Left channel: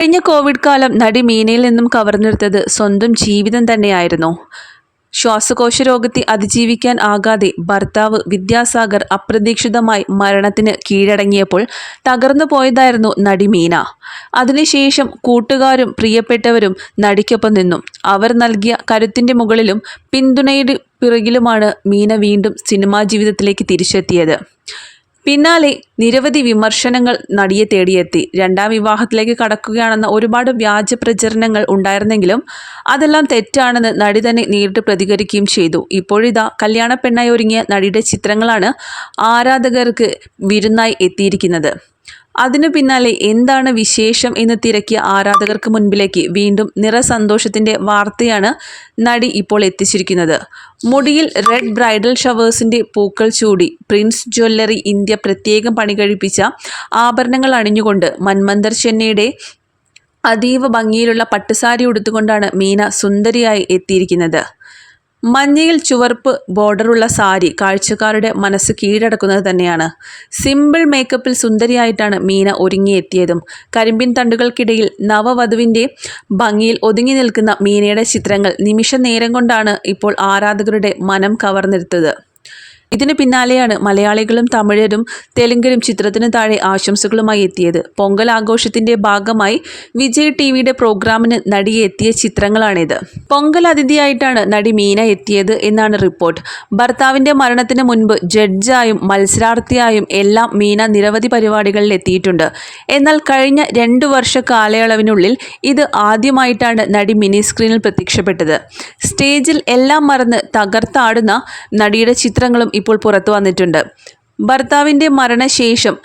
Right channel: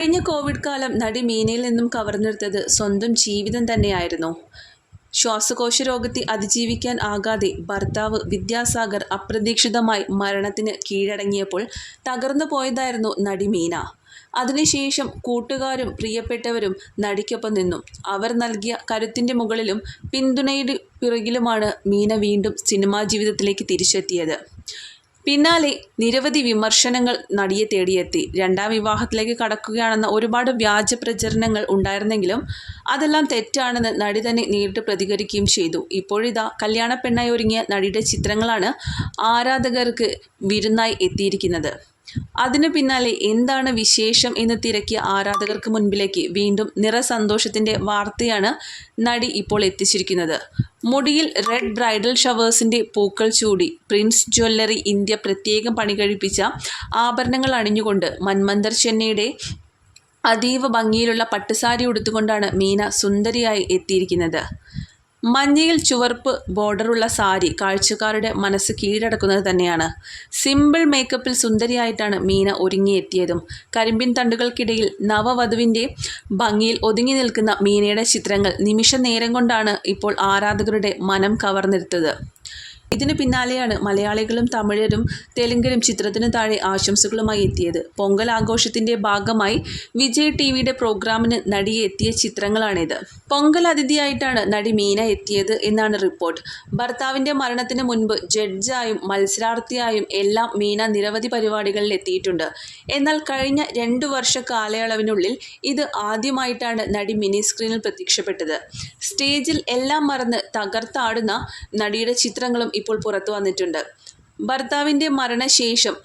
കഴിഞ്ഞ കോവിഡ് കാലം നടി മീനയിൽ നിന്നും കവർന്നെടുത്തത് സ്വന്തം ജീവിതം തന്നെയായിരുന്നു. ശ്വാസകോശ രോഗത്തെ അതിജീവിക്കാൻ ആകാതെ ഭർത്താവ് വിദ്യാസാഗർ അപ്രതീക്ഷിതമായി മരണത്തിന് കീഴടങ്ങിയപ്പോൾ തകർന്നു പോയതായിരുന്നു നടി മീന. അതിനുശേഷം കൂട്ടുകാരും പ്രിയപ്പെട്ടവരും നടിക്കൊപ്പം നിന്നു. അവർ നൽകിയ കരുത്തിന്റെ മുകളിലും പിന്തുണയുടെ പിറകിലുമാണ് മീന വീണ്ടും സിനിമാ ജീവിതത്തിലേക്ക് തിരിച്ചെത്തിയത്. പിന്നാലെ നിരവധി വിമർശനങ്ങൾ നടിയെ തേടിയെത്തി. രണ്ടാം വിവാഹത്തിലേക്ക് കടക്കുകയാണെന്ന ഒരുപാട് വ്യാജ പ്രചരണങ്ങൾ ഉണ്ടായിരുന്നെങ്കിലും അതെല്ലാം തെറ്റാണെന്ന് നടി തന്നെ നേരിട്ട് പ്രതികരിക്കുകയും ചെയ്തു. ഇപ്പോഴിതാ കല്യാണ പെണ്ണായി ഒരുങ്ങിയ നടിയുടെ ചിത്രങ്ങളാണ് ആരാധകർക്ക് വിരുന്നായി എത്തിയിരിക്കുന്നത്. അതിനു പിന്നാലെ എന്താണ് വിശേഷം എന്ന് തിരക്കിയ ആരാധകർക്ക് മുൻപിലേക്ക് വീണ്ടും നിറസന്തോഷത്തിന്റെ വാർത്തയാണ് നടി ഇപ്പോൾ എത്തിച്ചിരിക്കുന്നത്. മുടിയിൽ റെഡ് ബ്രൈഡൽ ഷവേഴ്സിന്റെ പൂക്കൾ ചൂടി പ്രിൻസ് ജ്വല്ലറി ഇന്ത്യ പ്രത്യേകം പണി പണികഴിപ്പിച്ച ആഭരണങ്ങൾ അണിഞ്ഞുകൊണ്ട് മന്മന്ദർ ചെന്നൈയുടെ അതീവ ഭംഗിയിലുള്ള പട്ടുസാരി ഉടുത്തുകൊണ്ടാണ് മീന സുന്ദരിയായി എത്തിയിരിക്കുന്നത്. മഞ്ഞയിൽ ചുവപ്പ് ബോർഡറുള്ള സാരി കാഴ്ചക്കാരുടെ മനസ്സ് കീഴടക്കുന്നത് തന്നെയാണ്. സിമ്പിൾ മേക്കപ്പിൽ സുന്ദരിയായിട്ടാണ് മീന ഒരുങ്ങിയെത്തിയതും. കരിമ്പിൻ തണ്ടുകൾക്കിടയിൽ നവവധുവിന്റെ ഭംഗിയിൽ ഒതുങ്ങി നിൽക്കുന്ന മീനയുടെ ചിത്രങ്ങൾ നിമിഷ നേരം കൊണ്ടാണ് ഇപ്പോൾ ആരാധകരുടെ മനം കവർന്നെടുത്തത്. ഇതിന് പിന്നാലെയാണ് മലയാളികളും തമിഴരും തെലുങ്കരും ചിത്രത്തിന് താഴെ ആശംസകളുമായി എത്തിയത്. പൊങ്കൽ ആഘോഷത്തിന്റെ ഭാഗമായി വിജയ് ടി വിയുടെ പ്രോഗ്രാമിന് നടിയെ എത്തിയ ചിത്രങ്ങളാണിത്. പൊങ്കൽ അതിഥിയായിട്ടാണ് നടി മീന എത്തിയത് എന്നാണ് റിപ്പോർട്ട്. ഭർത്താവിന്റെ മരണത്തിന് മുൻപ് ജഡ്ജായും മത്സരാർത്ഥിയായും എല്ലാം മീന നിരവധി പരിപാടികളിൽ എത്തിയിട്ടുണ്ട്. എന്നാൽ കഴിഞ്ഞ രണ്ടു വർഷ കാലയളവിനുള്ളിൽ ഇത് ആദ്യമായിട്ടാണ് നടി മിനി സ്ക്രീനിൽ പ്രത്യക്ഷപ്പെട്ടത്. സ്റ്റേജിൽ എല്ലാം മറന്ന് തകർത്താടുന്ന നടിയുടെ ചിത്രങ്ങളും ഇപ്പോൾ പുറത്തു വന്നിട്ടുണ്ട്. ഭർത്താവിന്റെ മരണശേഷം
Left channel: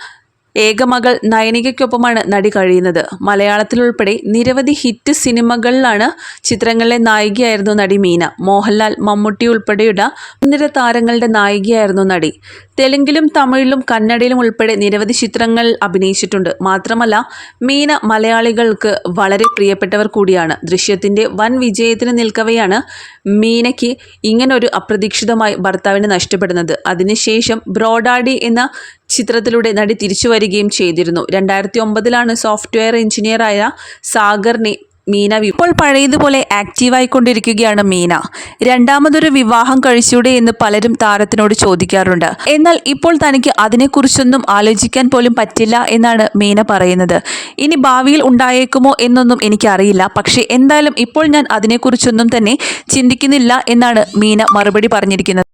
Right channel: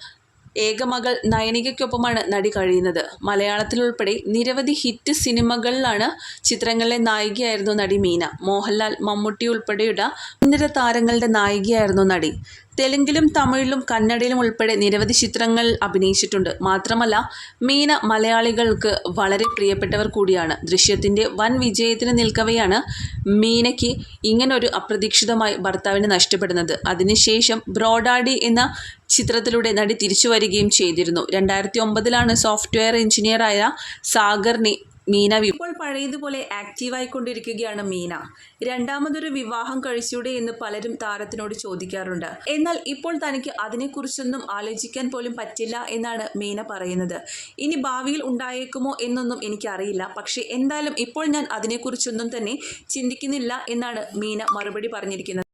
ഏകമകൾ നയനികയ്ക്കൊപ്പമാണ് നടി കഴിയുന്നത്. മലയാളത്തിലുൾപ്പെടെ നിരവധി ഹിറ്റ് സിനിമകളിലാണ് ചിത്രങ്ങളിലെ നായികയായിരുന്നു നടി മീന. മോഹൻലാൽ മമ്മൂട്ടി ഉൾപ്പെടെയുള്ള മുൻനിര താരങ്ങളുടെ നായികയായിരുന്നു നടി. തെലുങ്കിലും തമിഴിലും കന്നഡയിലും ഉൾപ്പെടെ നിരവധി ചിത്രങ്ങൾ അഭിനയിച്ചിട്ടുണ്ട്. മാത്രമല്ല മീന മലയാളികൾക്ക് വളരെ പ്രിയപ്പെട്ടവർ കൂടിയാണ്. ദൃശ്യത്തിന്റെ വൻ വിജയത്തിന് നിൽക്കവെയാണ് മീനയ്ക്ക് ഇങ്ങനൊരു അപ്രതീക്ഷിതമായി ഭർത്താവിനെ നഷ്ടപ്പെടുന്നത്. അതിനുശേഷം ബ്രോഡാഡി എന്ന ചിത്രത്തിലൂടെ നടി തിരിച്ചു വരികയും ചെയ്തിരുന്നു. രണ്ടായിരത്തി ഒമ്പതിലാണ് സോഫ്റ്റ്വെയർ എഞ്ചിനീയറായ സാഗറിനെ മീന ഇപ്പോൾ പഴയതുപോലെ ആക്റ്റീവായിക്കൊണ്ടിരിക്കുകയാണ് മീന. രണ്ടാമതൊരു വിവാഹം കഴിച്ചൂടെ എന്ന് പലരും താരത്തിനോട് ചോദിക്കാറുണ്ട്. എന്നാൽ ഇപ്പോൾ തനിക്ക് അതിനെക്കുറിച്ചൊന്നും ആലോചിക്കാൻ പോലും പറ്റില്ല എന്നാണ് മീന പറയുന്നത്. ഇനി ഭാവിയിൽ ഉണ്ടായേക്കുമോ എന്നൊന്നും എനിക്കറിയില്ല. പക്ഷേ എന്തായാലും ഇപ്പോൾ ഞാൻ അതിനെക്കുറിച്ചൊന്നും തന്നെ ചിന്തിക്കുന്നില്ല എന്നാണ് മീന മറുപടി പറഞ്ഞിരിക്കുന്നത്.